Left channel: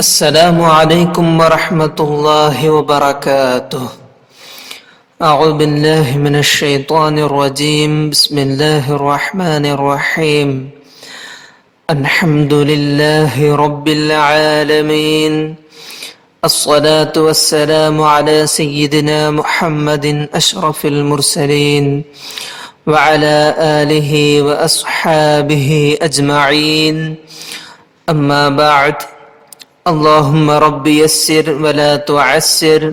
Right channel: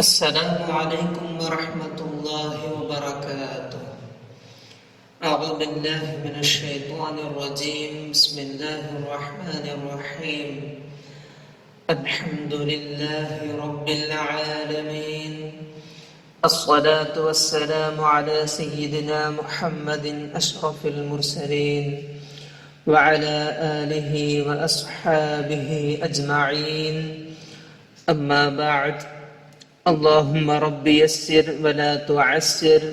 السلام عليكم ورحمة الله وبركاته. أعوذ بالله من الشيطان الرجيم. بسم الله الرحمن الرحيم. الحمد لله رب العالمين. الصلاة والسلام على سيدنا محمد أشرف المرسلين وعلى آله وأصحابه أجمعين. أما بعد. اللهم رب يسر ولا تعسر.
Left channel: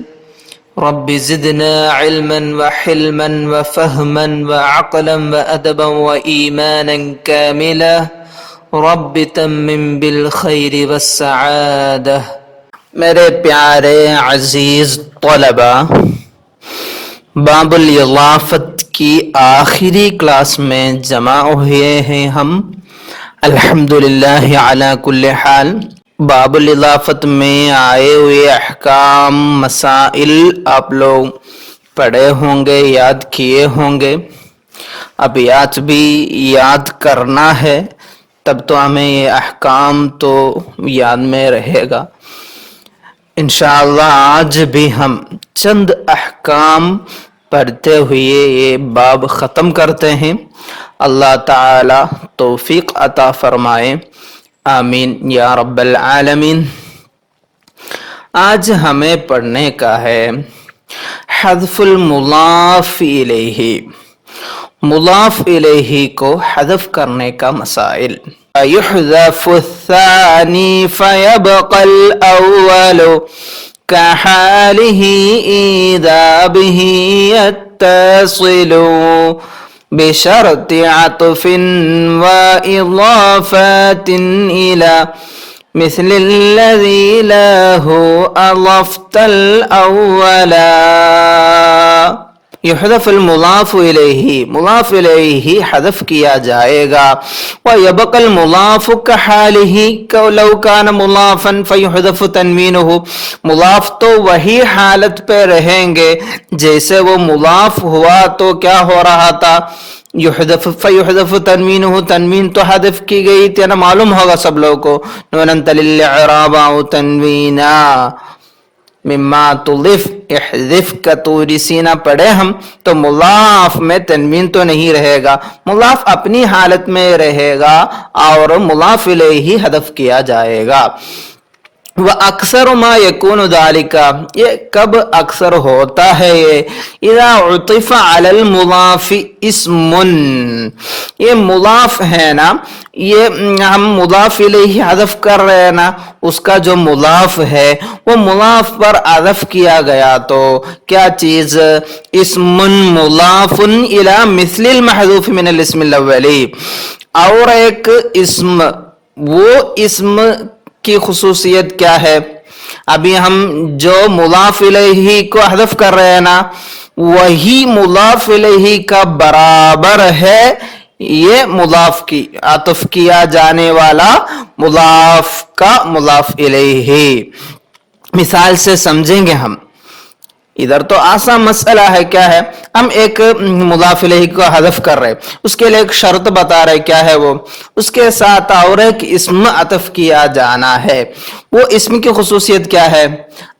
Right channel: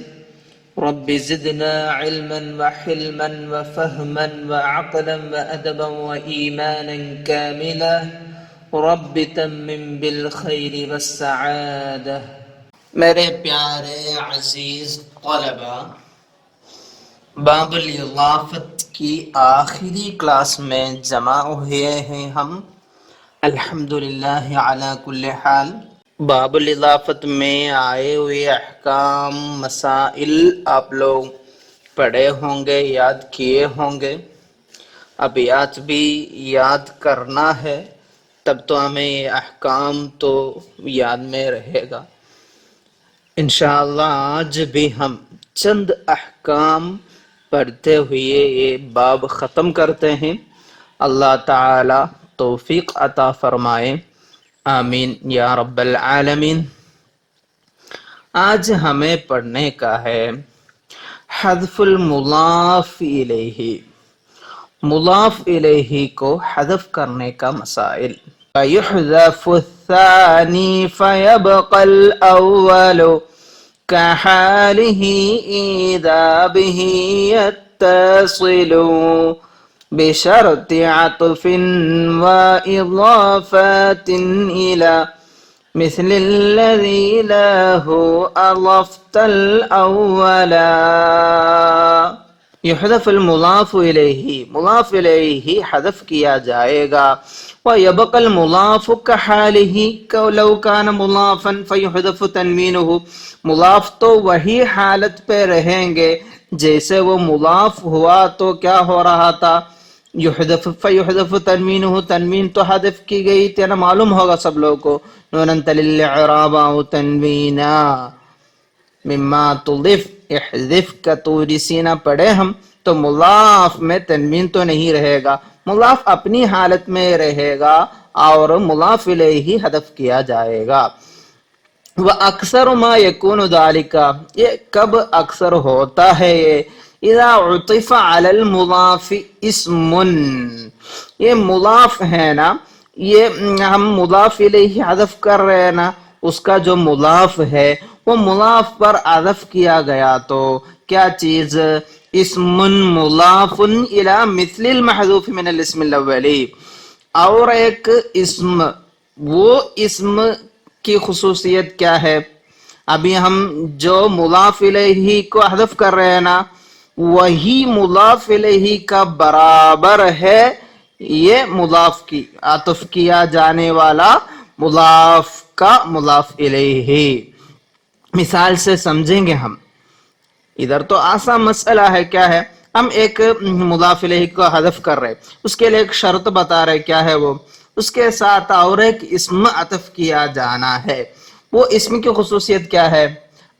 رب زدنا علما وحلما وفهما وعقلا وأدبا وإيمانا كاملا. رب تمم بالخير والسعادة. میرے پیارے عزیز طلبہ، باب الاضافت کی آخری کلاس میں جمع ہوئے ہیں ہم، الحمدللہ علی کل حال۔ باب الاضافت میں آئے ہوئے احکام، مسائل آپ لوگ پڑھے ہوں گے، یاد کیے ہوں گے۔ اب بھی یاد کرنا ہے، تب تو ہمیں یہ احکام تو یاد میں رہے گا۔ انشاءاللہ آج بھی ہم چند احکام پڑھتے ہوئے یہ باب ختم کرتے ہیں۔ اللہ تعالی توفیق عطا فرمائے، آمین یا رب العالمین۔ آج ہمیں پڑھنے کا ہے حذف المضاف الیہ، مضاف الیہ کو حذف کرنے کا مسائل۔ يحذف الثاني فيبقى الأول كحاله إذا به يتصل بشرط عطف وإضافات إلى مثل الذي له أضفت الأولا۔ یحذف المضاف الیہ، مضاف الیہ حذف کیا جائے گا۔ وَيَبْقَى الْمُضَافُ كَحَالِهِ لَوْ كَانَ مُضَافًا فَيُحْذَفُ تَنْوِينُهُ، مضاف تو وہی حالت پہ رہیں گے جیسے وہ مضاف ہوا تو کیا ہو رہا تھا، فَيُحْذَفُ تَنْوِينُهُ، تنوین تو حذف کی گئی تھی نا، معلوم ہوگا سب لوگوں کو۔ نُونًا تَلِلْ إِعْرَابًا أَوْ تَنْوِينًا مما تضف، احذف کا طوری سینہ پڑھے ہم تو مضاف میں تنوین تو نہیں رہے گا، مضاف اپنی حالت میں رہے گا اور مضاف الیہ حذف کیا جائے گا۔ وَأَكْثَرُ مَا يَكُونُ ذَلِكَ، یہ کب اکثر ہوتا ہے یہ، اِذَا عُطِفَ عَلَى الْمُضَافِ اسْمٌ، یہ مضاف ہے نا، یہ ہم مضاف الیہ حذف کر رہے ہیں نا، اس کا جو مضاف ہے وہ مضاف پر عطف کیا گیا تو کیا چیز، اسم مضاف الی مثل المحذوف من الاسم الاولی، اور ایک اسم، وہ اسم کی خصوصیت کیا ہے، ابھی ہم جو مضاف الیہ کو حذف کر رہے ہیں نا، وہی مضاف الیہ کا برابر ہے یہ مضاف کی عطف کیا جانے والا مضاف کا مضاف الیہ۔ مثال سے سمجھیں گے ہم، ادھر تو آسان مسئلہ ہے، کیا ہے، ہم ایک مضاف الیہ کو حذف کر رہے، اس کے لیے ایک شرط بتا رہے، کیا ہے وہ، اس کے ساتھ اور ایک اسم عطف کیا جانا ہے، وہ اسم کی خصوصیت کیا ہے،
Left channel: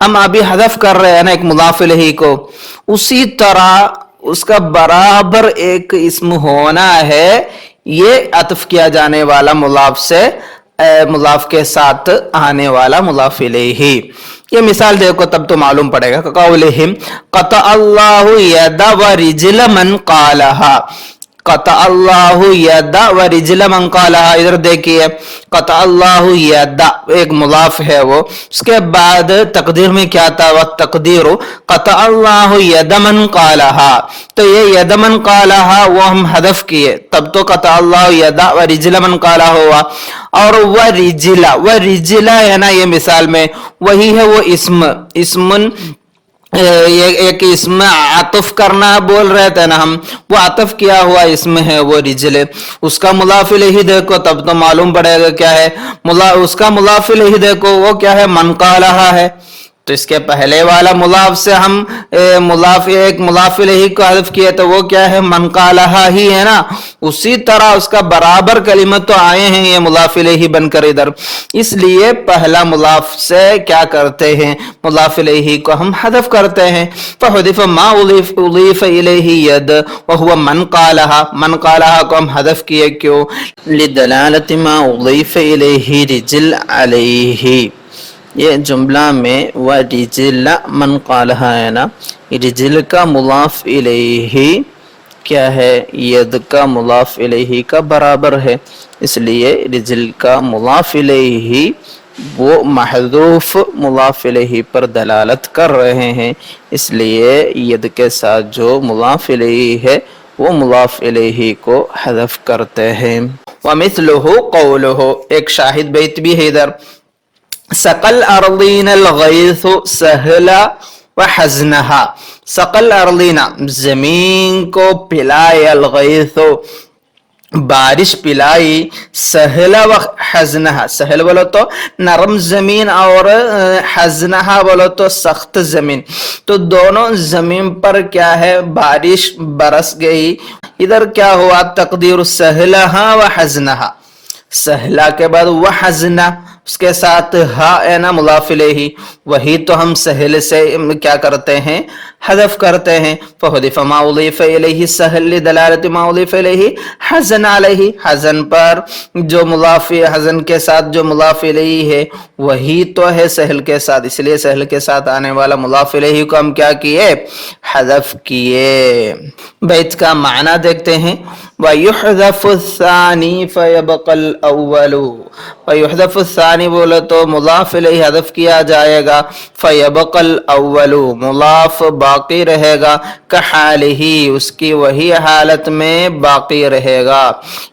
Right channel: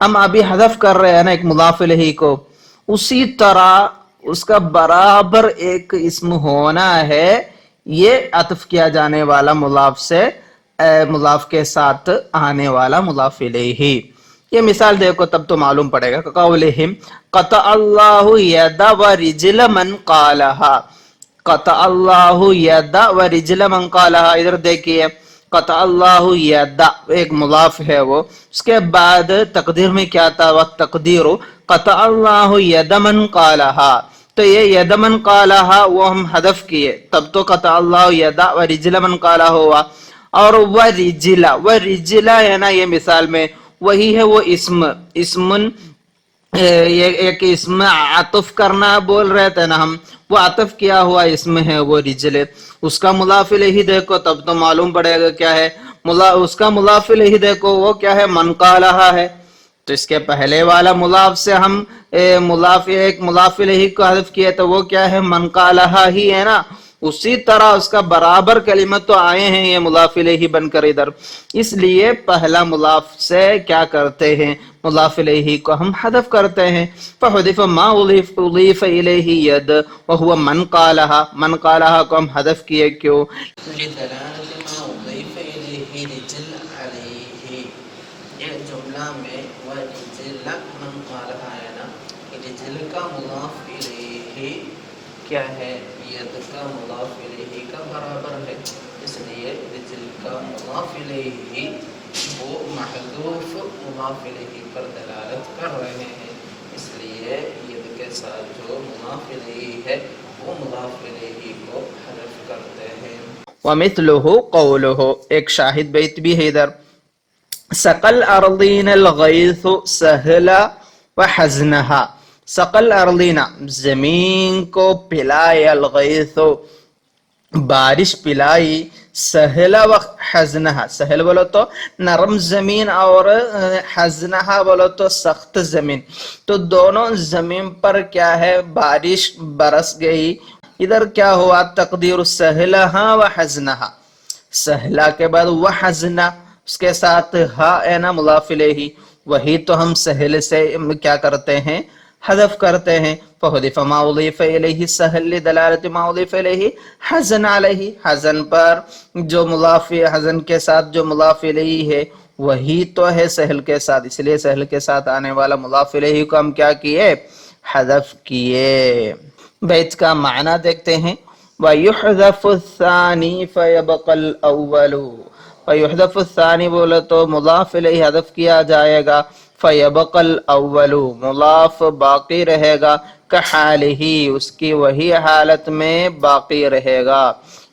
ہم ابھی حذف کر رہے ہیں نا ایک مضاف الیہ کو، اسی طرح اس کا برابر ایک اسم ہونا ہے یہ عطف کیا جانے والا مضاف سے، مضاف کے ساتھ آنے والا مضاف الیہ۔ یہ مثال دیکھو تب تو معلوم پڑے گا، قولہم قطع اللہ ید ورجل من قالہا، قطع اللہ ید ورجل من قالہا، ادھر دیکھئے قطع اللہ ید ایک مضاف ہے وہ، اس کے بعد تقدیر میں کیا تھا، والتقدیر قطع اللہ ید من قالہا، تو یہ ید من قالہا وہ ہم حذف کیے، تب تو قطع اللہ ید ورجل من قالہا ہوا، اور ورجل ہے نا یہ مثال میں وہی ہے وہ اسم، ایک اسم عطف کرنا بول رہے تھے نا ہم، وہ عطف کیا ہوا اسم ہے وہ رجل، اس کا مضاف الیہ دیکھو تب تو معلوم پڑے گا کیا ہے، اس کا مضاف الیہ دیکھو وہ کیا ہے، من قالہا ہے، تو اس کے پہلے والا مضاف سے ہم مضاف الیہ کو حذف کیا تو وہ کیا ہے من قالہا ہی ہے نا، اسی طرح اس کا برابر کلمت تو آئے ہیں یہ مضاف الیہ بن کر ادھر، اس لیے پہلا مضاف سے کیا کرتے ہیں مضاف الیہ کو ہم حذف کرتے ہیں. فحذف ما اضیف الیہ ید وہو من قالہا، من قالہا کو ہم حذف کیے کیوں؟ لدلالت ما اضیف الیہ رجل علیہ. یہ جملہ میں وَرِجِلَ من قالہا ہے نا، رجل کا مضاف الیہ کیا ہے ید کا مضاف الیہ کا برابر ہے، اس لیے رجل کا مضاف الیہ وہ محذوف مضاف الیہ پر دلالت کر رہے ہیں، اس لیے ید کے ساتھ جو مضاف الیہ ہے وہ مضاف الیہ کو حذف کرتے ہیں. وَمِثْلُهُ قَوْلُهُ، ایک شاہد بیت بھی ہے ادھر، سقل ارضین الغیث سہلا وحزنہا. سقل ارضین زمین کو پلائے، الغیث بارش پلائی، سہلا وحزنہا سہل بولو تو نرم زمین اور حزنہا بولو تو سخت زمین، تو دونوں زمین پر کیا ہے بارش برس گئی. ادھر کیا ہوا تقدیر سہلہا وحزنہا، سہلا کے بعد وحزنہ اس کے ساتھ ہا ہے نا مضاف الیہ، وہی تو ہم سہل سے کیا کرتے ہیں حذف کرتے ہیں. فحذف ما اضیف الیہ سہل لدلالت ما اضیف الیہ حزن علیہ، حزن پر جو مضاف حزن کے ساتھ جو مضاف الیہ ہے وہی تو ہے سہل کے ساتھ، اس لیے سہل کے ساتھ آنے والا مضاف الیہ کو ہم کیا کیے حذف کیے. بیت کا معنی دیکھتے ہیں، وَيُحْذَفُ الثَّانِي فَيَبْقَى الْأَوَّلُ. وَيُحْذَفُ الثَّانِي بولے تو مضاف الیہ حذف کیا جائے گا، فَيَبْقَى الْأَوَّلُ مضاف باقی رہے گا، كَحَالِهِ اس کی وہی حالت میں باقی رہے گا.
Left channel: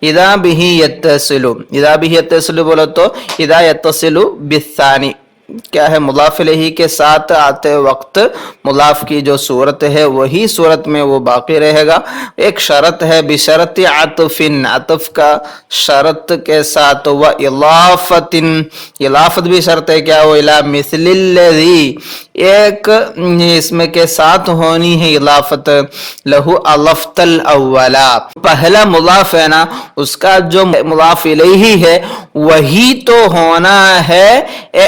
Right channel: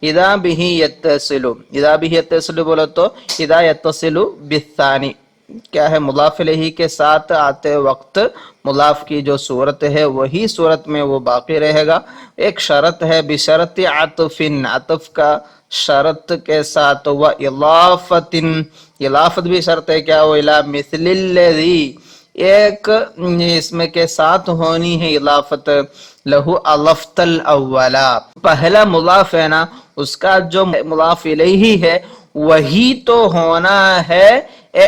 اِذَا بِهِ يَتَّصِلُ، اِذَا بِهِ يَتَّصِلُ بولے تو اِذَا يَتَّصِلُ بِالثَّانِي کیا ہے مضاف الیہ کے ساتھ آتے وقت مضاف کی جو صورت ہے وہی صورت میں وہ باقی رہے گا. ایک شرط ہے بشرط عطف، عطف کا شرط کے ساتھ، وَإِضَافَةٍ اضافت بھی شرط ہے کیا وہ اِلَى مِثْلِ الَّذِي ایک اس میں کے ساتھ ہونی ہے اضافت، لہو اضفت الاولا پہلا مضاف ہے نا اس کا جو مضاف الیہ ہے وہی تو ہونا ہے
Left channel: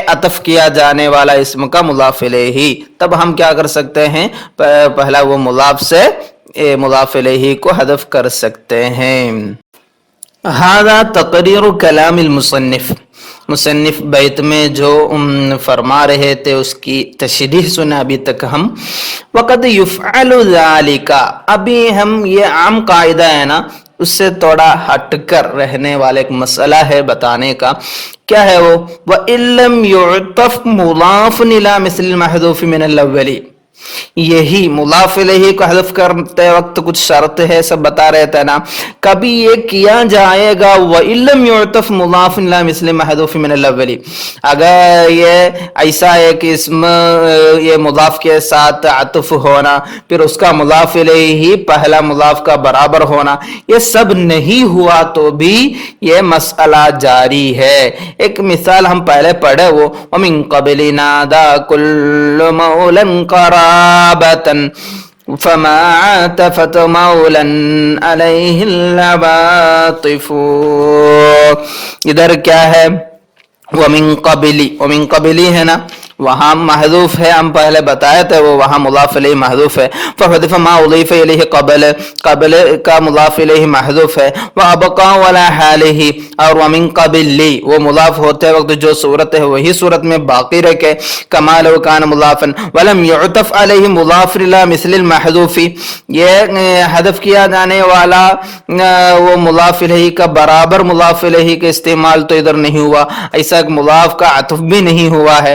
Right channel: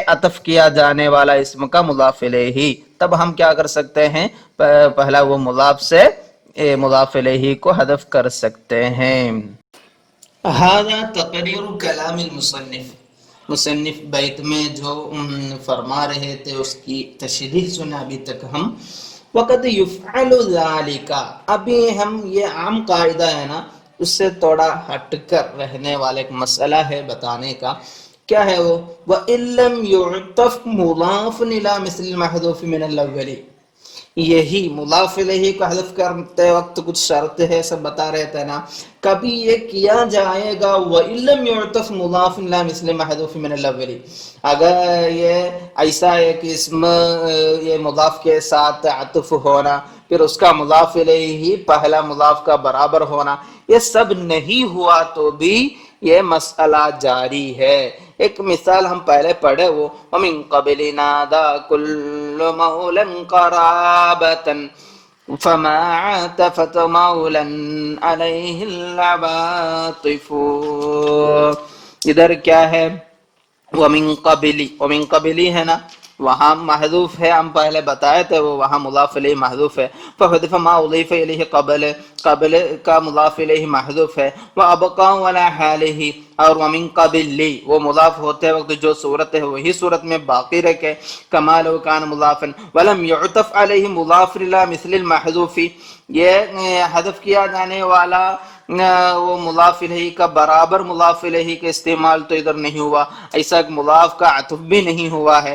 عطف کیا جانے والا اسم کا مضاف الیہ، تب ہم کیا کر سکتے ہیں پہلا وہ مضاف سے مضاف الیہ کو حذف کر سکتے ہیں. ھذا تقریر کلام المصنف، مصنف بیت میں جو فرما رہے تھے اس کی تشریح سنا ابھی تک ہم. وقد یفعل ذالک، ابھی ہم یہ عام قاعدہ ہے نا اس سے تھوڑا ہٹ کر رہنے والا ایک مسئلہ ہے بتانے کا. کیا ہے وہ؟ وَإِن لَمْ يُعْطَفْ مُضَافٌ إِلَى مِثْلِ الْمَحْذُوفِ مِنَ الْأَوَّلِ، یہی مضاف الیہ کو حذف کرتے وقت کچھ شرط ہے سب بتا رہے تھے نا، کبھی یہ کیا جائے گا وَإِن لَمْ يُعْطَفْ مُضَافٌ إِلَى مِثْلِ الْمَحْذُوفِ مِنَ الْأَوَّلِ، اگر یہ ایسا ایک اسم یہ مضاف کے ساتھ عطف ہونا پھر اس کا مضاف الیہ ہی پہلا مضاف کا برابر ہونا، یہ سب نہیں ہوا تو بھی یہ مسئلہ جاری ہے. ایک مثال ہم پہلے پڑھے وہ وَمِن قَبْلِ نَادَى كُلُّ مَوْلًا قَرَابَةً فَمَا عَاطَفَتْ مَوْلًا عَلَيْهِ الْعَوَاطِفُ. ادھر کیا ہے وَمِن قَبْلِ، وَمِن قَبْلِ ہے نا وہاں محذوف ہے، ہم پہلے بتائے تھے وہ وہاں مضاف الیہ محذوف ہے. فحذف ما اضیف الیہ قبل، قبل کا مضاف الیہ محذوف ہے. وابقا ولا حالہ، اور ومن قبل وہ مضاف ہوتے وقت جو صورت ہے وہی صورت میں باقی رکھے. کما لو کان مضافا ولم يعطف علیہ مضاف الی مثل المحذوف، یہ حذف کیا جانے والا وہ مضاف الیہ کا برابر مضاف الیہ کا استعمال تو ادھر نہیں ہوا، ایسا ایک مضاف کا عطف بھی نہیں ہوا ہے.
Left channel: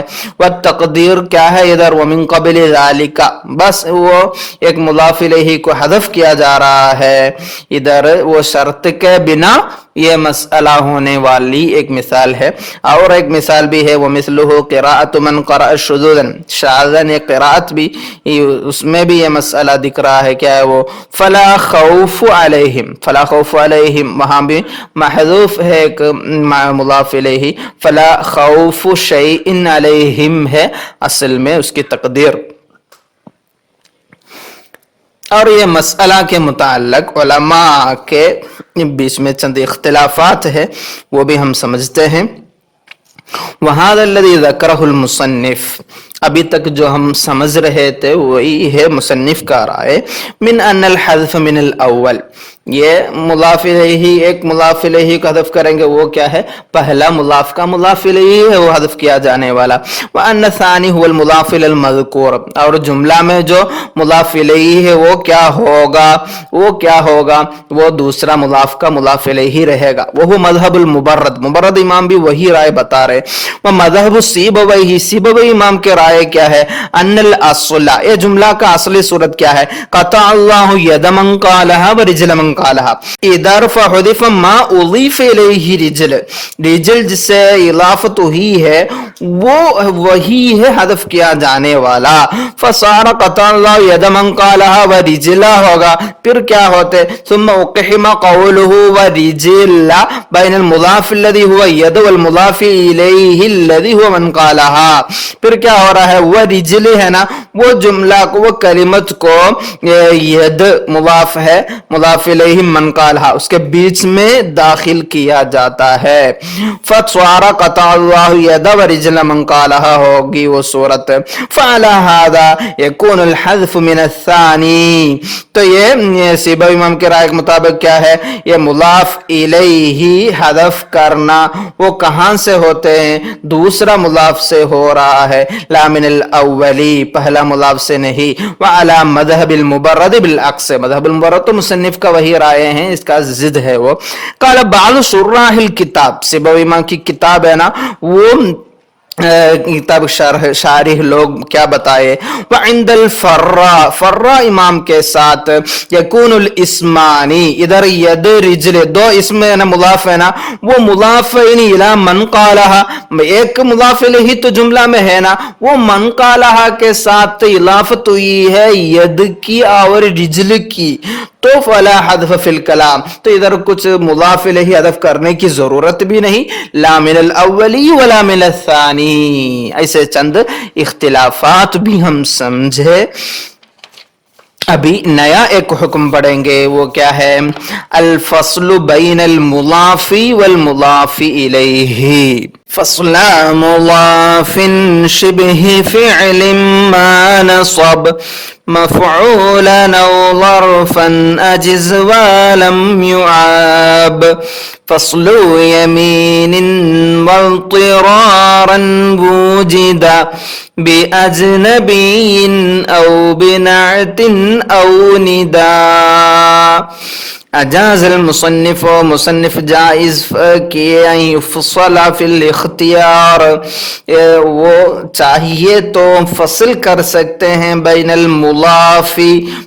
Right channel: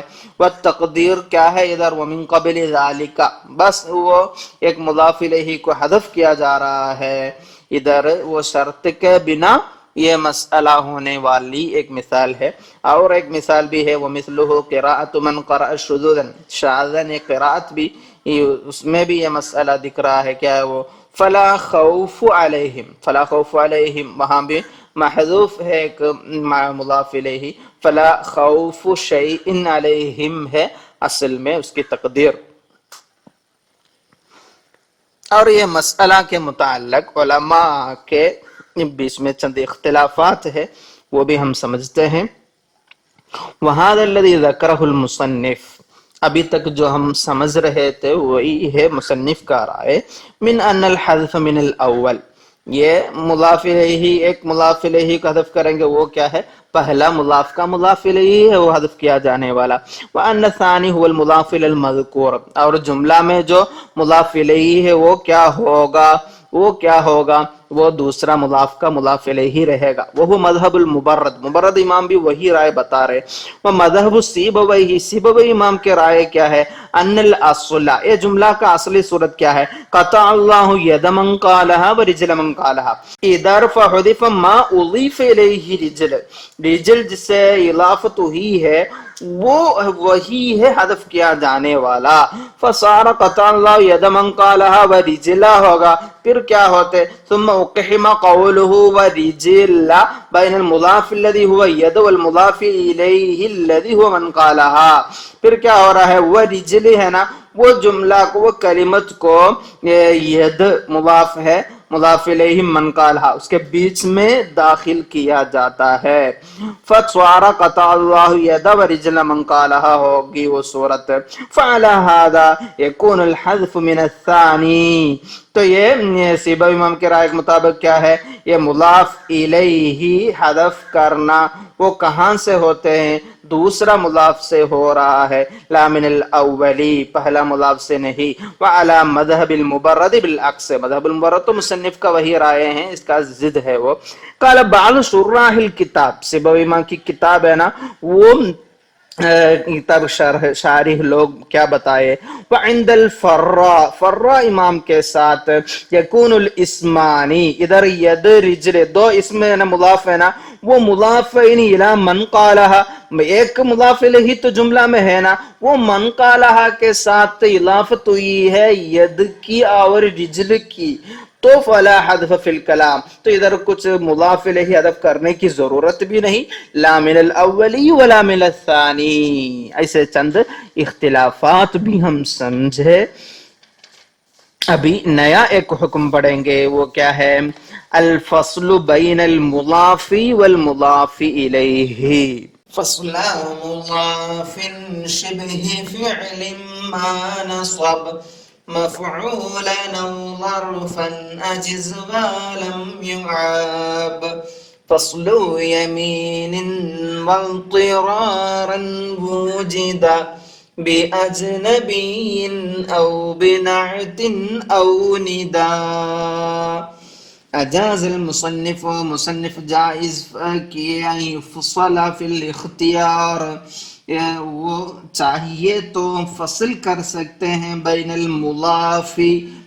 تقدیر کیا ہے ادھر ومن قبل ذالک، بس وہ ایک مضاف الیہ کو حذف کیا جا رہا ہے، ادھر وہ شرط کے بنا یہ مسئلہ ہونے والی ایک مثال ہے. اور ایک مثال بھی ہے ومثلہ قراءۃ من قرأ شذوذا، شاذن ایک قراءت بھی، اس میں بھی یہ مسئلہ دکھ رہا ہے. کیا ہے وہ؟ فلا خوف علیہم، فلا خوف علیہم وہاں بھی محذوف ہے ایک مضاف الیہ، فلا خوف شیء علیہم ہے اصل میں اس کی تقدیر. اور یہ مسئلہ کے متعلق علماء کے بیچ میں چند اختلافات ہے، وہ بھی ہم سمجھتے ہیں. وَهَذَا الَّذِي ذَكَرَهُ الْمُصَنِّفُ، ابھی تک جو ہم سمجھ رہے تھے وہی ہے مصنف کا رائے، من ان الحذف من الاول، یہ مضاف الیہ، ایک مضاف الیہ کو حذف کریں گے وہ کیا ہے؟ پہلا مضاف کا مضاف الیہ ہے وہ حذف کیا جانے والا. وان الثانی هو المضاف الی المذکور، اور جملہ میں جو مضاف الیہ ہے وہ کیا ہوگا؟ وہ کیا ہوگا؟ وہ دوسرا مضاف کا مضاف الیہ رہے گا. وہ مذہب المبرد، مبرد امام بھی وہی رائے بتا رہے. وہ مذہب سیبویہ، سیبوی امام کے رائے کیا ہے؟ ان الاصل، یہ جملہ کا اصلی صورت کیا ہے؟ قطع اللہ ید من قالها ورجل من قالها، ادھر فحذف ما اضیف الیہ رجل، رجل جس سے اضافت ہوئی ہے وہ وہی ہے حذف کیا جانے والا. فصار قطع اللہ ید من قالها ورجل ہوگا، پھر کیا ہوتے؟ ثم اقحم قوله ورجل بین المضاف الذي هو ید والمضاف الیہ الذي هو من قالها، پھر کیا ہو رہا ہے؟ وہ رجل ہے نا، وہ جملہ کو، وہ کلمت کو ید مضاف ہے، مضاف الیہ من قالها اس کے بیچ میں داخل کیا جاتا ہے. فصار قطع اللہ ید ورجل من قالها ہوگی وہ صورت. فعلى هذا يكون الحذف من الثانی، تو یہ سیبوی امام کے رائے کے مطابق کیا ہے؟ یہ مضاف الیہ حذف کرنا وہ کہاں سے ہوتے ہیں؟ دوسرا مضاف سے ہو رہا ہے، لا من الاولی، پہلا مضاف سے نہیں. وعلی مذہب المبرد بالعکس، مذہب المبرد تو مصنف کا وہی رائے ہیں، اس کا ضد ہے وہ. قال بعض شراح الکتاب، سیبوی امام کی کتاب ہے نا وہ کتاب شارح لوگ کیا بتائے؟ وعند الفراء، فراء امام کے ساتھ یکون الاسمانی، ادھر ید رجل دو اسم ہے نا مضاف ہے نا، وہ مضاف الی من قالها، ایک مضاف الیہ تو جملہ میں ہے نا، وہ من قالها کے ساتھ اضافت ہوئی ہے ید کی اور رجل کی، تو فلا حذف فی الکلام، تو ادھر کچھ مضاف الیہ حذف کرنے کی ضرورت بھی نہیں، لا من الاولی ولا من الثانی. ایسے چند اختلافات بھی ہم سمجھے. ابھی نیا ایک حکم پڑھیں گے، وہ کیا ہے؟ الفصل بین المضاف والمضاف الیہ. فصل مضاف شبہ فعل ما نصب مفعولا او ظرفا اجز ولم يعاب. فصل يمين واضطرارا وجدا بأجنبي أو بنعت أو نداء. اجاز المصنف، مصنف جائز کیے یفصل فی الاختیار، وہ چاہیے تو فصل کر سکتے ہیں بین المضاف،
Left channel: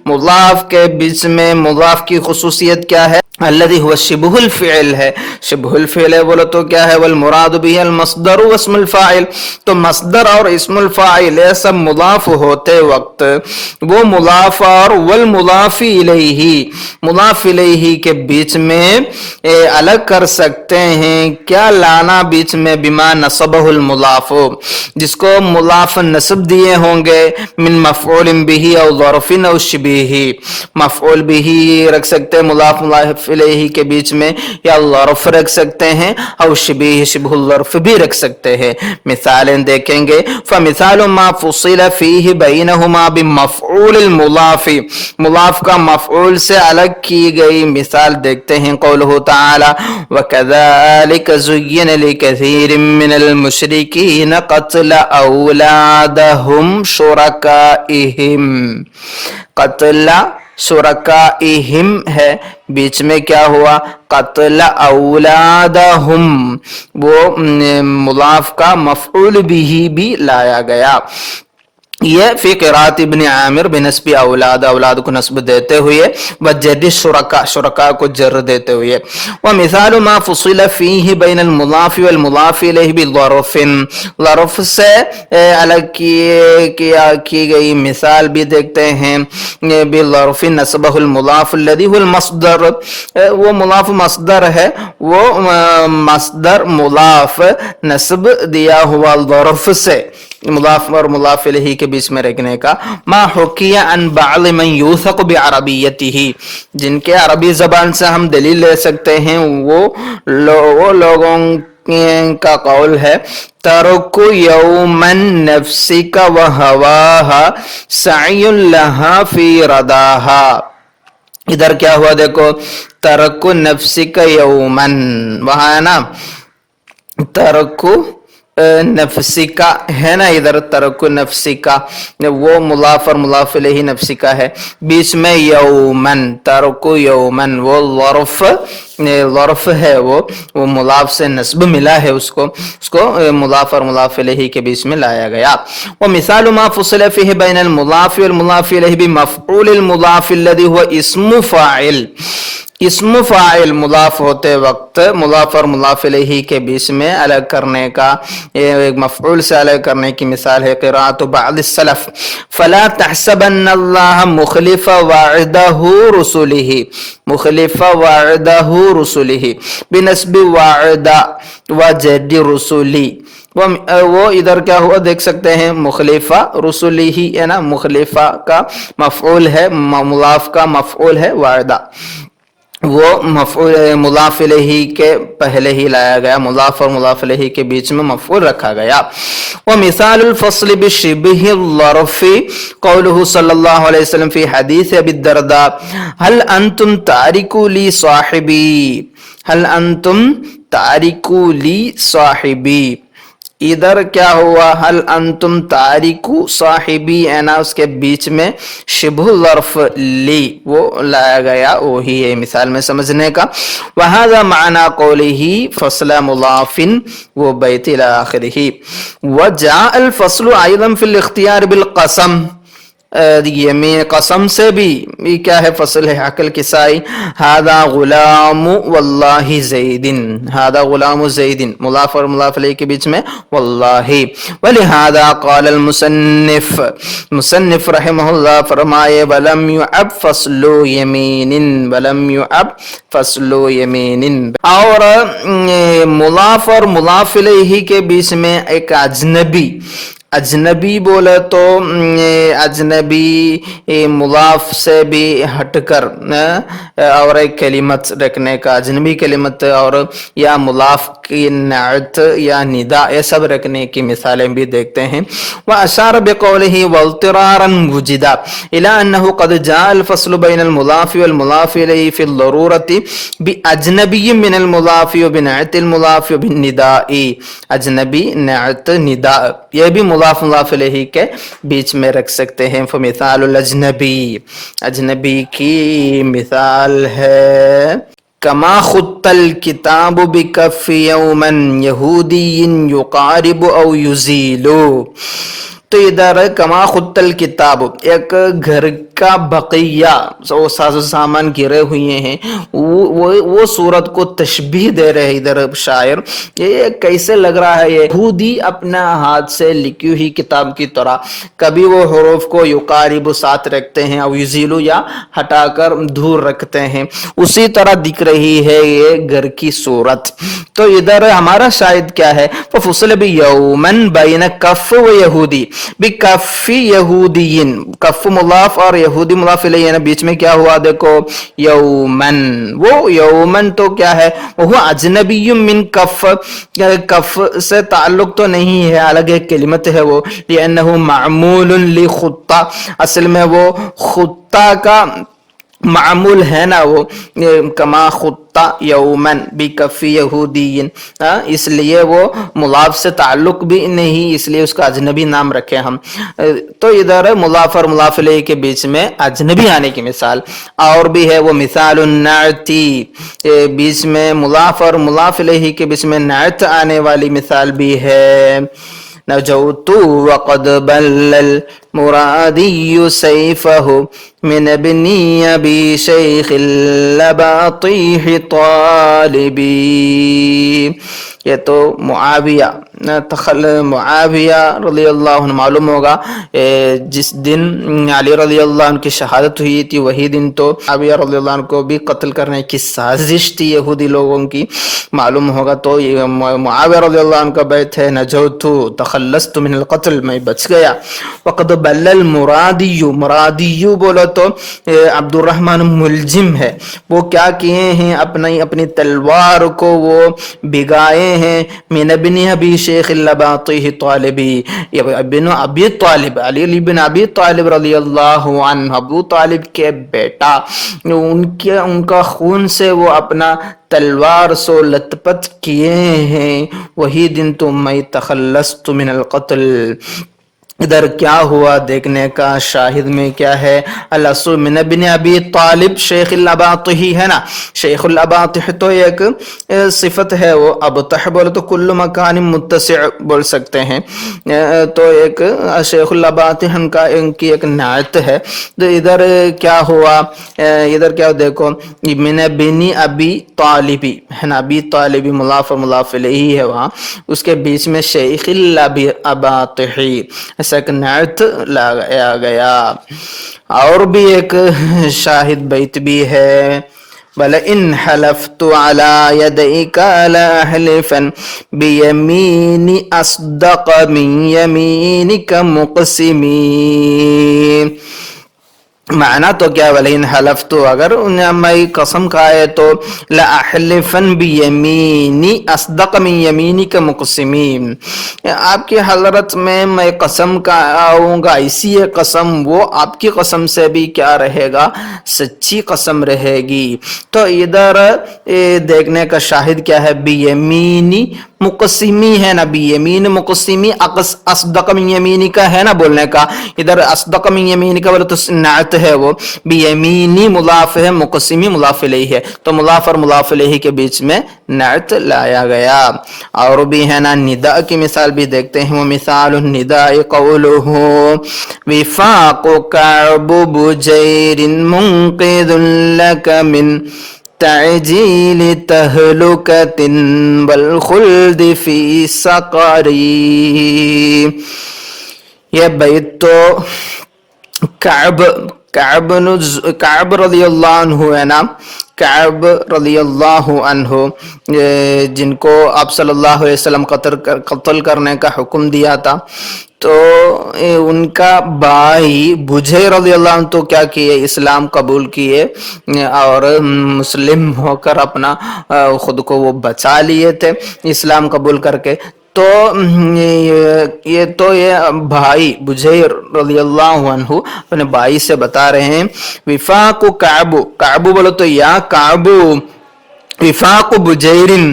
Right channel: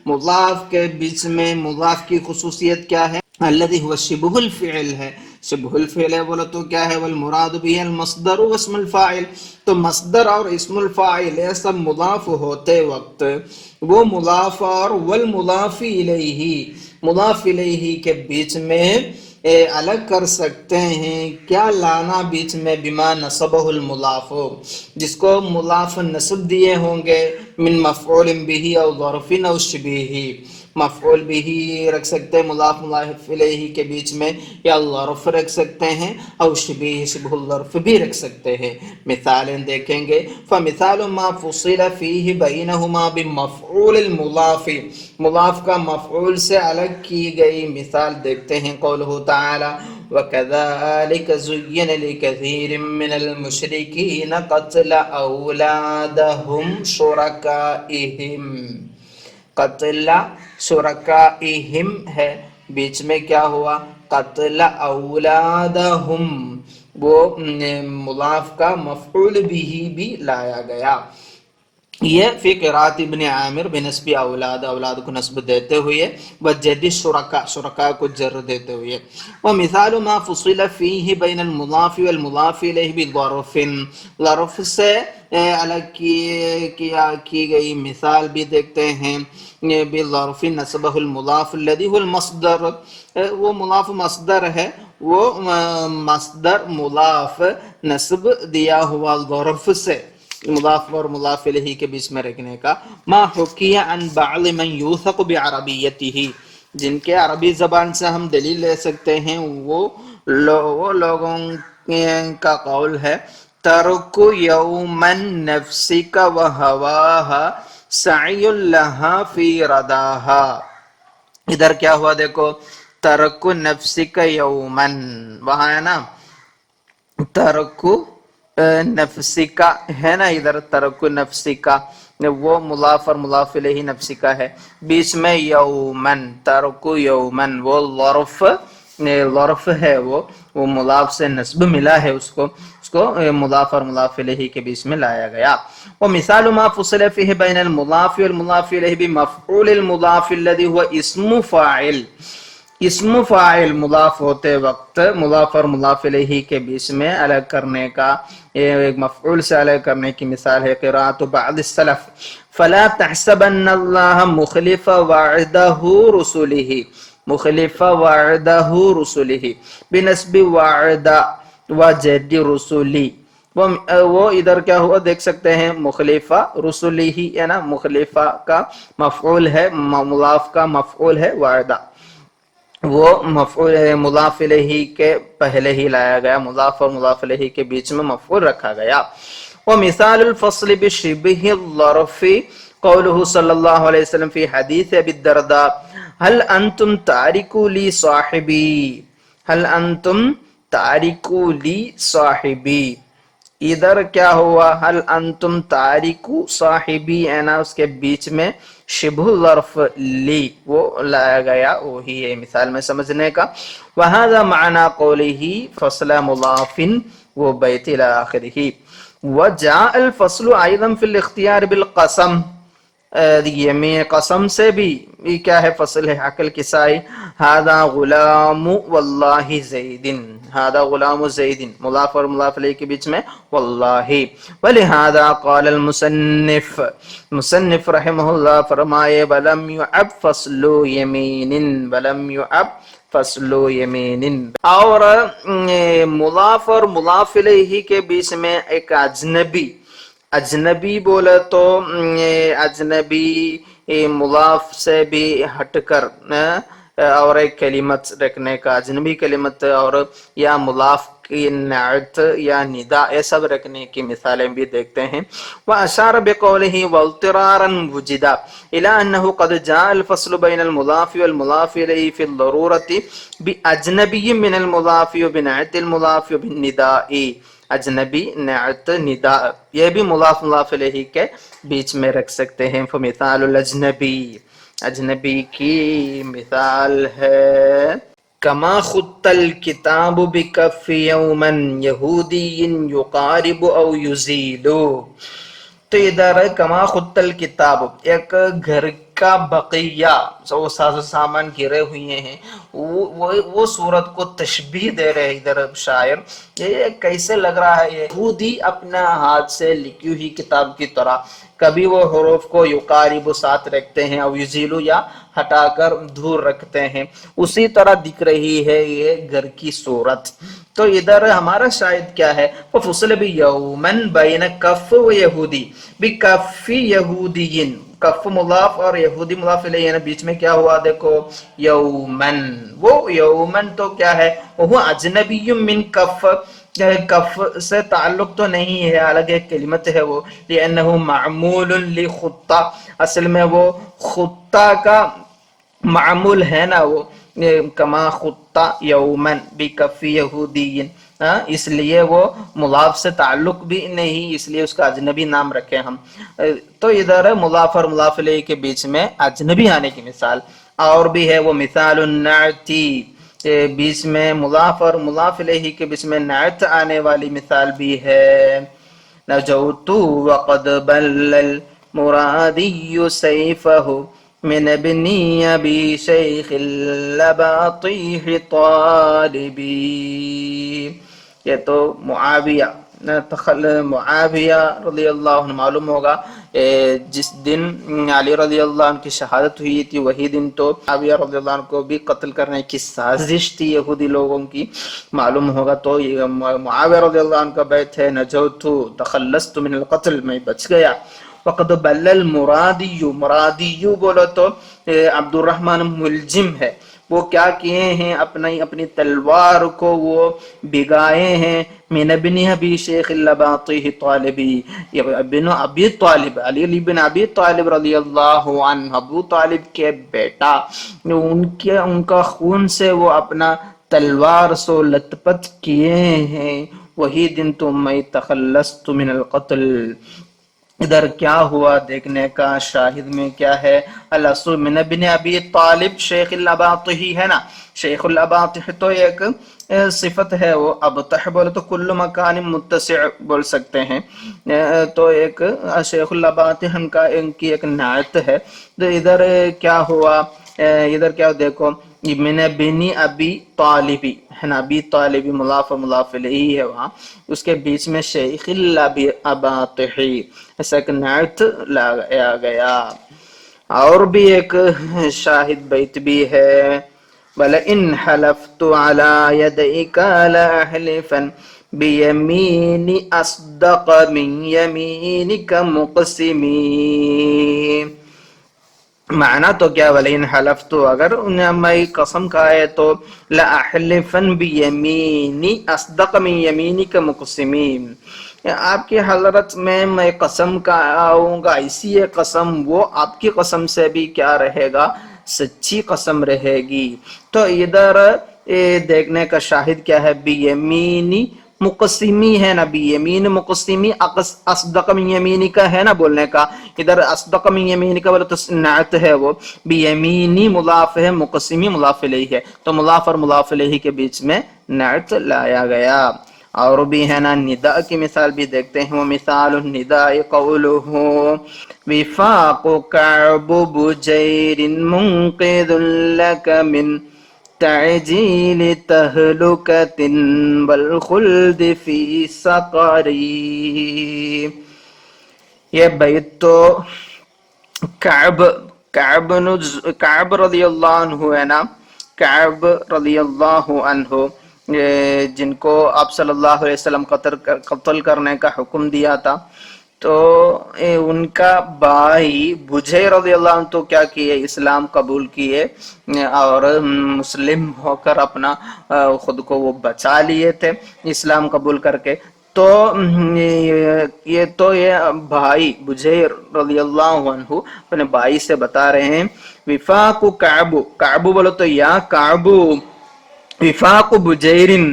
مضاف کے بیچ میں. مضاف کی خصوصیت کیا ہے؟ الذي هو شبه الفعل ہے، شبہ الفعل ہے بولو تو کیا ہے؟ والمراد به المصدر واسم الفاعل، تو مصدر اور اسم الفاعل یہ سب مضاف ہوتے وقت وہ مضاف اور والمضاف الیہ، مضاف الیہ کے بیچ میں الگ کر سکتے ہیں. کیا لانا بیچ میں؟ بما نصبہ المضاف، جس کو مضاف نصب دیے ہوں گے، من مفعول به او ظرف او شبیہ، مفعول به رکھ سکتے مضاف مضاف الیہ کے بیچ میں، یا ظرف رکھ سکتے ہیں، او شبیہ شبہ الظرف بھی رکھ سکتے ہیں. مثالیں دیکھیں گے. فمثال ما فصل فیہ بینہما بمفعول المضاف، مضاف کا مفعول سے الگ کی گئی مثال دیکھتے ہیں. قولہ تعالی وَكَذَلِكَ زُيِّنَ لِكَثِيرٍ مِّنَ الْمُشْرِكِينَ قَتْلَ أَوْلَادَهُمْ شُرَكَائِهِمْ. قتل شرکائہم ہے، بیچ میں کیا ہوا؟ قتل اولادہم، وہ مضاف کا مفعول بھی لایا گیا. یہ فی قراءت ابن عامر بنسب اولاد، اولاد کو نسب دیتے ہوئے، وجد شرکا، شرکا کو جر دیتے ہوئے. ومثال ما فصل فیہ بین المضاف والمضاف الیہ بظرف، ظرف سے الگ کی گئی مثال بھی دیکھتے ہیں. بظرف نسبہ المضاف الذی هو المصدر، وہ مضاف مصدر ہے، وہ مصدر مضاف نسب دیا ہوا ظرف سے، مضاف اور مضاف الیہ کے بیچ میں رکھنے کا. ما حکی عن بعض من یوثق بعربیتہ، جن کے عربی زبان سے ہم دلیل لے سکتے ہیں، وہ لوگوں کا قول ہے ترک یوما نفسک وہواہا سعی لہا فی رداہا. ادھر کیا ہوا دیکھو، ترک نفسک یوما، وہاں ہے نا ترک نفسی کا ہے نا، ادھر ترک نفسی کا، وہ مضاف اور مضاف الیہ نفسی کا ہے، بیچ میں یومن، ترک یومن، وہ ظرف ہے، وہ مضاف سے نسب ملا ہے، اس کو مضاف اور مضاف الیہ کے بیچ میں لایا گیا. ومثال ما فصل فیہ بین المضاف والمضاف الیہ بمفعول المضاف الذی هو اسم فاعل، اسم فاعل مضاف ہوتے وقت مضاف اور مضاف الیہ کے بیچ میں الگ کرنے کا، ایک مفعول سے الگ کرنے کی مثال ہے قراءۃ بعض السلف فلا تحسبن اللہ مخلف وعدہ رسلہ، مخلف وعدہ رسلہ بنسب وعدہ وجد رسلی. وہ ادھر کیا ہوا دیکھ سکتے ہیں، مخلفہ رسولہ ہے نا، مخلفہ کا مفعول ہے، مضاف کا مفعول ہے وعدہ، وہ مفعول مضاف الیہ کے پہلے ہی لایا گیا، مضاف اور مضاف الیہ کے بیچ میں مفعول رکھا گیا. ومثال الفصل بشبہ الظرف قوله صلی اللہ علیہ وسلم فی حدیث ابی الدرداء هل انتم تارکو لی صاحبی، هل انتم تارکو لی صاحبی. ادھر کیا ہوا، حل انتم تارکو صاحبی ہے نا، اس کے بیچ میں شبہ ظرف لی وہ لایا گیا، وہی ہے مثال میں سمجھنے کا. وہذا معنی قولہ فصل مضاف وہ بیت الى آخرہ. وجاء الفصل ایضا فی الاختیار بالقسم، یمین قسم سے بھی یہ کیا ہے، فصل ہے عقل کسائی. ہذا غلام واللہ زید، ہذا غلام زید، مضاف اور مضاف الیہ کے بیچ میں واللہ. ولہذا قال المصنف، مصنف رحمہ اللہ فرمائے ولم يعب فصل یمین، ولم يعب فصل یمین. اور مضاف اور مضاف الیہ کے بیچ میں ایک اجنبی، اجنبی بولے تو اجنبی مضاف سے بھی ہٹ کر اور ایک کلمت رکھنے کا، اجنبی کلمت اور یا مضاف کی نعت یا ندا، یہ سب رکھنے کی مثالیں بھی دیکھتے ہیں. واشار بقوله واضطرارا وجدا الى انه قد جاء الفصل بين المضاف والمضاف اليه في الضروره باجنبي من المضاف وبنعت المضاف وبالنداء، اجنبی نعت نداء یہ بھی مضاف مضاف الیہ کے بیچ میں رکھ سکتے ہیں. فمثال الاجنبی، اجنبی کی مثال ہے کما خط الکتاب بکف یوما یہودی یقارب او یزیلو. تو ادھر کما خط الکتاب، ایک گھر کا بقیہ وہ ساز و سامان گرے ہوئے ہیں، وہ صورت کو تشبیہ دے رہے ہیں ادھر شاعر. یہ کیسے لگ رہا ہے، یہودی اپنا ہاتھ سے لکھی ہوئی کتاب کی طرح، کبھی وہ حروف کو یقارب ساتھ رکھتے ہیں او یزیلو یا ہٹا کر دور رکھتے ہیں، اسی طرح دکھ رہی ہے یہ گھر کی صورت. تو ادھر ہمارا شاہد کیا ہے، فصل بیومن بین کف و یہودی، بکف یہودین، کف مضاف اور یہودی مضاف الیہ، بیچ میں کیا ہوا دیکھو یومن. وہ یومن تو کیا ہے، وہ اجنبی من کف، کف سے تعلق تو نہیں ہے، الگ ایک کلمت ہے وہ، لأنه معمول لخطہ، اصل میں وہ خطہ کا معمول ہے نا، وہ کما خطہ یومن بکف یہودین، اس لیے وہ مضاف سے تعلق بھی نہیں، اس لیے اس کا اجنبی نام رکھے ہم. تو ادھر مضاف اور مضاف الیہ کے بیچ میں اجنبی آنے کی مثال اور بھی ہے. وہ مثال النعتی، بیچ میں مضاف اور مضاف الیہ کے بیچ میں نعت آنے والی مثال بھی ہے. نجوت وقد بل المرادي سيفه من ابن ابي شيخ اللباطيح طالبي. یہ تو معاویہ رضی اللہ عنہ معلوم ہوگا جس دن علی رضی اللہ عنہ کی شہادت ہوئی تھی وہی دن تو معاویہ رضی اللہ عنہ کو بھی قتل کرنے کی سازش تھی یہودی لوگوں کی، معلوم ہوگا. تو معاویہ رضی اللہ عنہ کا بیت ہے نجوت تخلصت من القتل، میں بچ گیا. وقد بل المرادی، مرادی بولو تو عبد الرحمن ملجم ہے، وہ کیا کیے ہیں اپنی تلوار کو وہ بگائے ہیں من ابن ابی شیخ اللباطیح طالبی، ابن ابی طالب، علی بن ابی طالب رضی اللہ عنہ، ابو طالب کے بیٹا، ان کا خون سے وہ اپنا تلوار سو لت پت کیے ہیں، وہی دن تو میں تخلصت من القتل. ادھر کیا ہوا دیکھنے کا، شاہد میں کیا ہے، الاصل من ابن ابی طالب شیخ الاباطح ہے نا. شیخ الاباطح تو ایک صفت ہے، وہ ابطح بولے تو کل مکان متسع بول سکتے ہیں، تو ایک شیخ الاباطح ان کی ایک نعت ہے. تو ادھر کیا ہوا، ادھر کیا دیکھو من ابن ابی طالبی ہے نا، ابی طالبی مضاف مضاف الیہ ہے وہاں، اس کے بیچ میں شیخ الاباطحی ایسا ایک نعت لایا گیا. اور بھی ایک شاہد بیت بھی ہے، وَلَئِنْ حَلَفْتُ عَلَى يَدَيْكَ لَأَحْلِفًا بِيَمِينِ أَصْدَقَ مِنْ يَمِينِكَ مُقْسِمِينَ. معنی تو کیا، وَلَئِنْ حَلَفْتُ اگر میں قسم کھائے تو لَأَحْلِفًا بِيَمِينِ أَصْدَقَ مِنْ يَمِينِكَ مُقْسِمِينَ، آپ کی حضرت میں قسم کھاؤں گا، ایسی ہے قسم وہ آپ کی قسم سے بھی کیا رہے گا، سچی قسم رہے گی. تو ادھر دیکھنے کا شاہد کیا ہے، بیمینی مقسمی ہے نا، بیمین مقسمی اصدق من یمینی کا ہے نا بولنے کا. ادھر اصدق من یمینی کا بولے تو نعت ہے، وہ بیمینی مضاف ہے، مقسمی مضاف الیہ ہے، تو مضاف اور مضاف الیہ کے بیچ میں نعت لایا گیا. اور بھی ہے نا ندا کی مثال بھی دیکھتے ہیں، وہ مثال النداء قولہ وفاق کعب بجیر منقذ لک من تعجیل تہلکت والخلد فی سقری. یہ بیت تو کعب رضی اللہ عنہ ہے نا، کعب رضی اللہ عنہ جن کو آپ صلی اللہ علیہ وسلم قتل کرنے کا حکم دیا تھا، تو ان کا بھائی بجیر رضی اللہ عنہ تو کیا کیے، اسلام قبول کیے اور مسلم ہو کر اپنا خود کو وہ بچا لیے تھے اسلام قبول کر کے. تو یہ بھائی بجیر رضی اللہ عنہ اپنے بھائی سے بتا رہے ہیں، وفاق کعب بولو تو یا کعب وفاق بجیرن،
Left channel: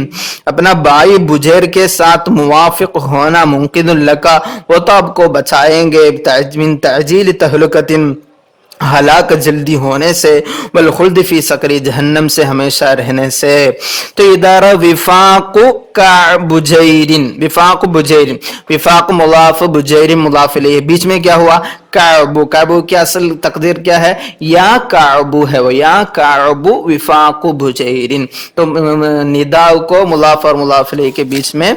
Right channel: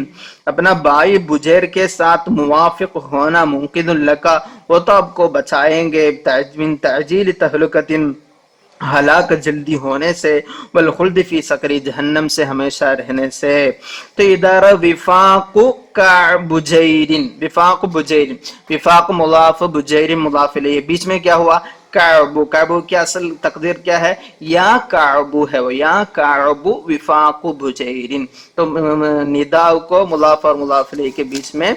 اپنا بھائی بجیر کے ساتھ موافق ہونا، ممکن لکا وہ تو آپ کو بچائیں گے، من تعجیل تہلکت ہلاک جلدی ہونے سے، والخلد فی سقری جہنم سے ہمیشہ رہنے سے. تو ادارہ وفاق بجیرن، وفاق بجیرن، وفاق مضاف بجیرن مضاف الیہ، بیچ میں کیا ہوا، کعب کی اصل تقدیر کیا ہے، یا کعب ہے، وہ یا کعب وفاق بجیرن، تو ندا کو مضاف اور مضاف الیہ کے بیچ میں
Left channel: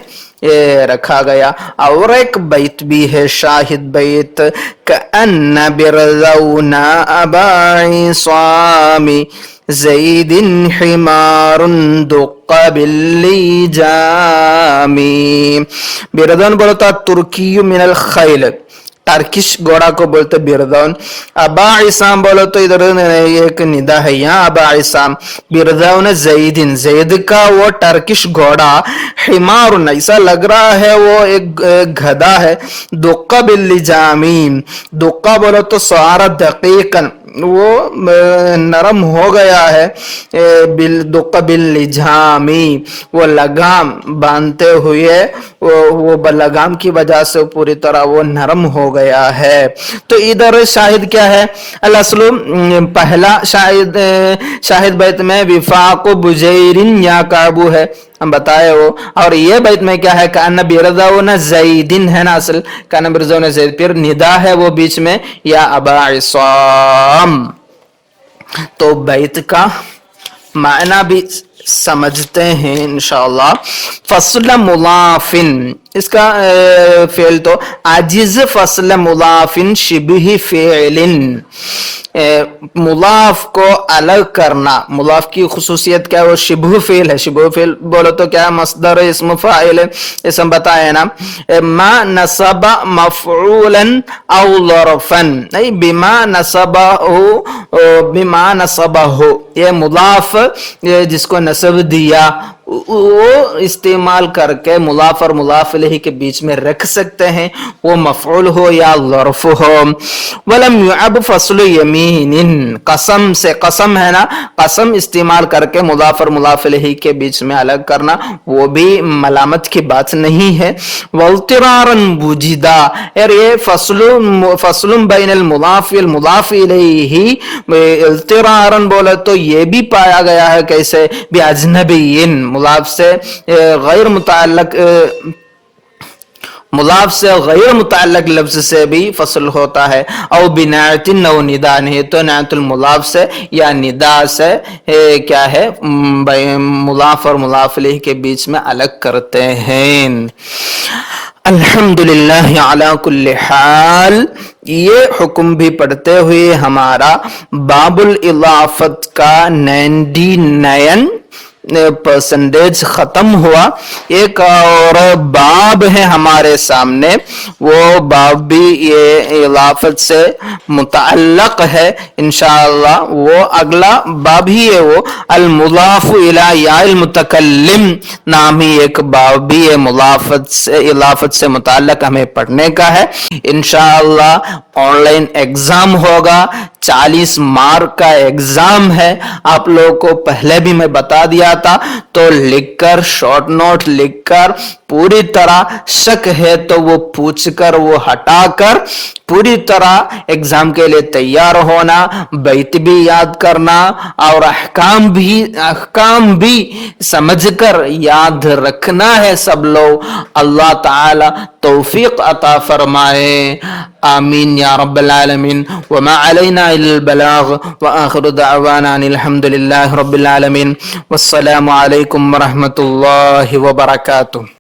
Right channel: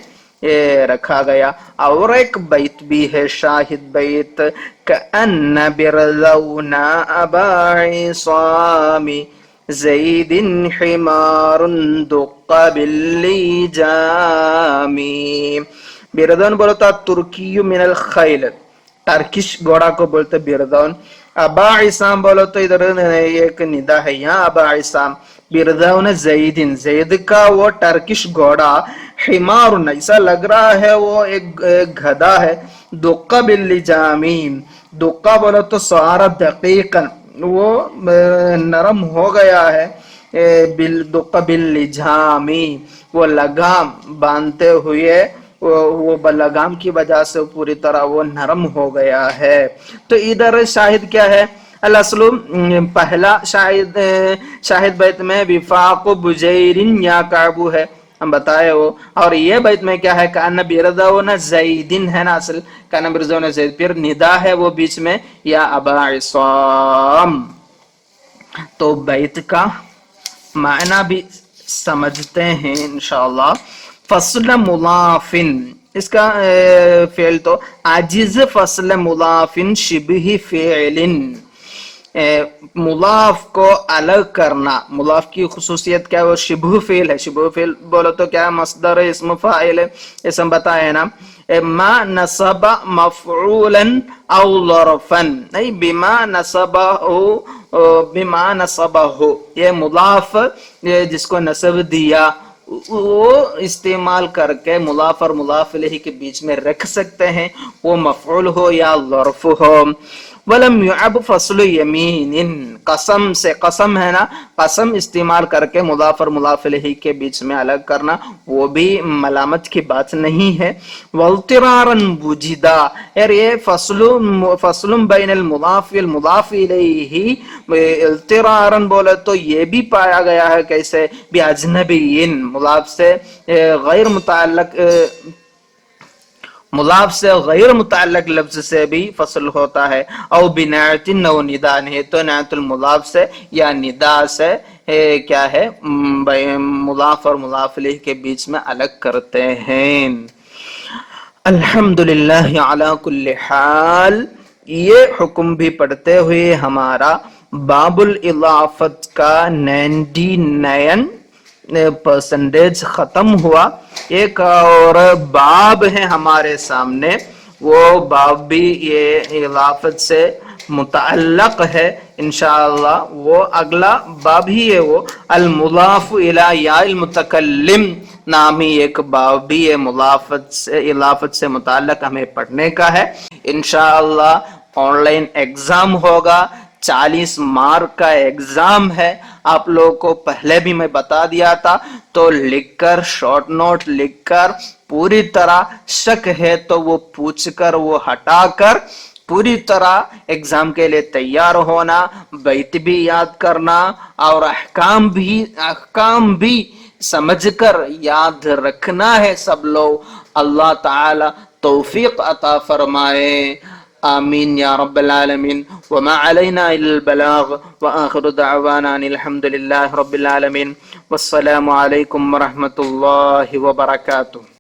رکھا گیا. اور ایک بیت بھی ہے شاہد بیت، کأن برزون ابا عصام زید حمار دق باللیجام. برزون بولتا ترکی من الخیل، ٹرکش گھوڑا کو بولتے بردون. ابا عصام بولو تو ادھر ایک ندا ہے، یا ابا عصام بردون زیدن، زید کا وہ ٹرکش گھوڑا، حمار ایسا لگ رہا ہے وہ ایک گدھا ہے، دقا باللجامین، دقا بولو تو صار دقیقا وہ نرم ہو گیا ہے، دقا باللجامی وہ لگام باندھتے ہوئے، وہ لگام کی وجہ سے پوری طرح وہ نرم ہو گیا ہے. تو ادھر شاہد کیا ہے، الاصل پہلا شاہد بیت میں وفاق بجیرن یا کعب ہے، ہم بتائے ہو. اور یہ بیت میں کیا ہے, کان برضون زیدن ہے نا اصل, کان برضون زید, پھر ندا ہے وہ بیچ میں, یا ابا عصام. تو بیت کا معنی بھی سمجھتے ہیں انشاءاللہ. فصل مضافن, اس کا فعل تو عاجز فصل مضافن شبہ فعل, مضاف کو الگ کرنا. مضاف کی خصوصیت کیا ہے, وہ شبہ فعل ہے. شبہ فعل بولو تو کیا, مصدر اسم فاعل ہے, اسم بتایا نا. ما نصب مفعولا او ظرفا, نہیں بما نصبہ, بما نصبہ, یہ مضاف جس کو نصب دیا وہ استعمال کر کے مضاف اور مضاف الیہ کے بیچ میں رکھ سکتے ہیں, وہ مفعول ہو یا ظرف ہو. ولم يعب فصل یمین, قسم سے, قسم ہے نا, قسم استعمال کر کے مضاف اور مضاف الیہ کے بیچ میں الگ کرنا وہ بھی ملامت کی بات نہیں ہے. واضطرارا وجدا, اور یہ فصل بین المضاف والمضاف الیہ, اضطرارا بولے تو یہ بھی پایا گیا ہے کیسے, باجنبین, مضاف سے غیر متعلق, مضاف سے غیر متعلق لفظ سے بھی فصل ہوتا ہے. او بنعت او ندا, نہیں تو نعت المضاف سے یا ندا سے کیا ہے مضاف اور مضاف الیہ کے بیچ میں الگ کرتے ہیں. الحمدللہ علی کل حال. یہ حکم بھی پڑھتے ہوئے ہمارا باب الاضافت کا 99% ختم ہوا. ایک اور باب ہے ہمارے سامنے, وہ باب بھی یہ اضافت سے متعلق ہے انشاءاللہ. وہ اگلا باب ہی ہے, وہ المضاف الی یا المتکلم نامی ایک باب بھی ہے, اضافت سے متعلق ہمیں پڑھنے کا ہے انشاءاللہ. آن لائن ایگزام ہوگا, 40 مارک کا ایگزام ہے. آپ لوگوں کو پہلے بھی میں بتا دیا تھا, تو لکھ کر, شارٹ نوٹ لکھ کر, پوری طرح شک ہے تو وہ پوچھ کر, وہ ہٹا کر پوری طرح ایگزام کے لیے تیار ہونا. بیت بھی یاد کرنا اور احکام بھی سمجھ کر یاد رکھنا ہے سب لوگ. اللہ تعالی توفیق عطا فرمائے, آمین یا رب العالمین. وما علینا الا البلاغ, وآخر دعوانا ان الحمد للہ رب العالمین. والسلام علیکم ورحمۃ اللہ وبرکاتہ.